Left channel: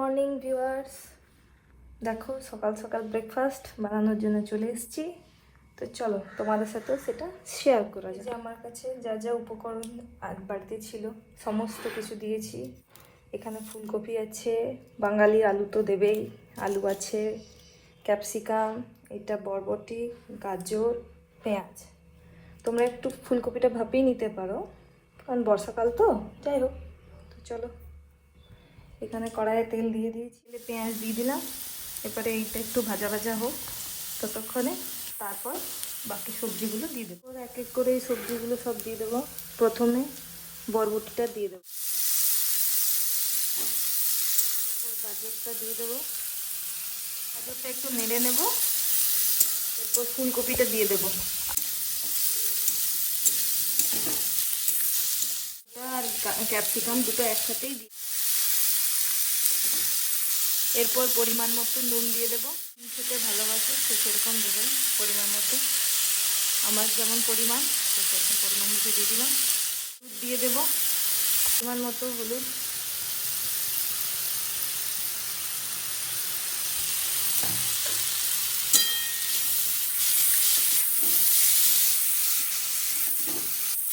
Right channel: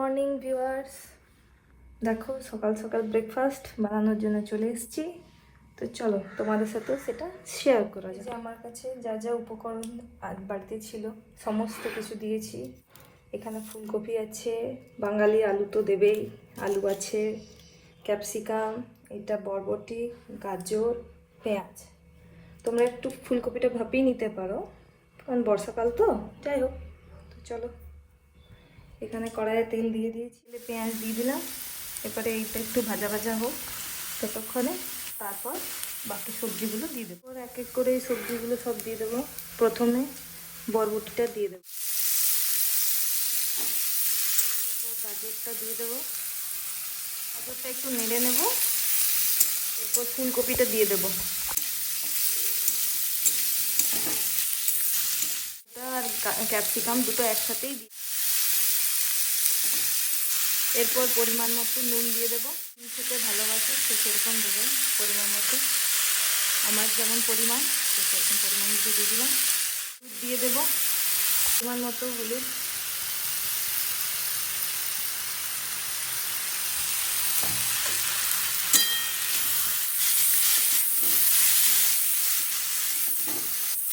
Morning viewers, দেখো সকাল সকাল ব্রেকফাস্ট বানানোর জন্য চলে এসেছি। তো চলো তোমাদের সাথেও সেটা শেয়ার করা যায়। আমার কাছে যা যা উপকরণ আজ বাড়িতে ছিল সমস্ত কিছু দিয়েছি। এখানে ফুলকপি আছে, বাঙালি আলু তো দেবেই, আলু আছে, ক্যাপসিকাম, এটা বরবটি, গাজর, পেঁয়াজ। তোমরা একটু ফুলকপিটা ভাপিয়ে নিতে পারো, কারণ বর্ষাকাল তো। যাই হোক, তো চলো। এখানে কড়াইয়ে তেল দিয়ে দিয়েছি, পেঁয়াজ দিয়ে দিলাম। এরপরে এইটা একটু ভাজা ভাজা হোক ততক্ষণে, তারপর বাকি সবজিগুলো দিয়ে দেবো। এক এক করে এই সবজিগুলো সব দিয়ে দেবো। প্রথমে বরবটিটা দিয়ে দেবো, গাজরটা দিয়ে দেবো, একটু নেড়ে নেবো। এরপর ফুলকপিটা দিয়ে দেবো, আর ক্যাপসিকাম দুটো একসাথেই। এরপর পরিমাণ মতো নুন দিয়ে দেবো। খেতে ভালোবাসে সে সেরকম দেবেন পরিমাণ মতো, আমার যেমন পরিমাণ সেরকম পরিমাণ দিয়ে দিলে। হলুদ দিয়ে দেবো, পরিমাণ মতো হলুদ।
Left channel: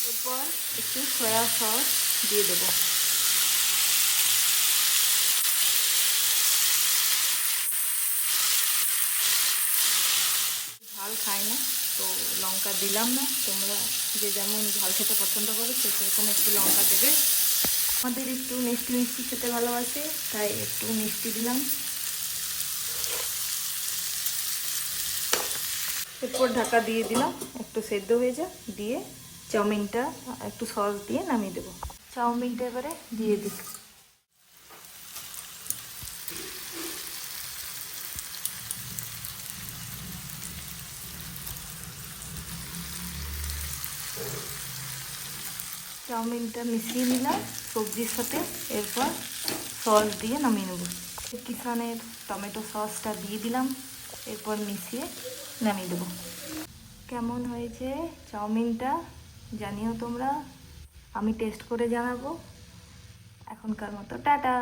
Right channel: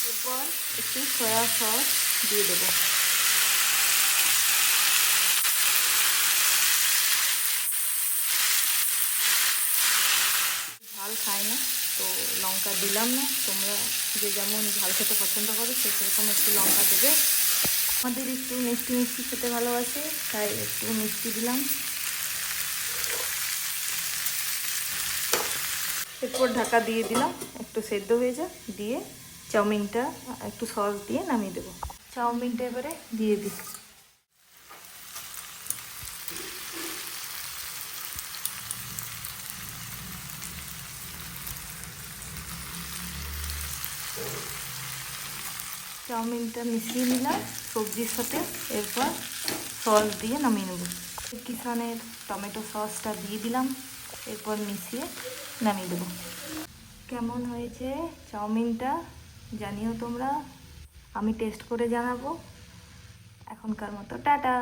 এরপর একটু সয়া সস দিয়ে দেবো। ঝাল খায় না তো লঙ্কা দিলাম না। তোমরা যে যেমন ঝাল খেতে পছন্দ করো সেরকম একটু লঙ্কা দেবে। আমাদের একটু মিষ্টি মিষ্টি খেতে ভালোবাসে, তাই একটু মিষ্টি দিলাম। এরপর ঢাকা দিয়ে দিলাম, একটু সেদ্ধ হয়ে যায়। দিয়ে চাউমিনটা একটু সস দিয়ে নামিয়ে দেবো। চাউমিনটা এবারে দিয়ে দিই। চাউমিনটা মিশিয়ে নিলাম সবজির সাথে, এরপর সস দিয়ে নামিয়ে নেব। কিষানের টমেটো সসটা দিয়ে দিলাম, এরপর মিশিয়ে নামিয়ে দেবো। কেমন হয়েছে চাউমিনটা জানিও তোমরা, আমি টেস্ট করে জানাবো। এখনকার মতো টাটা।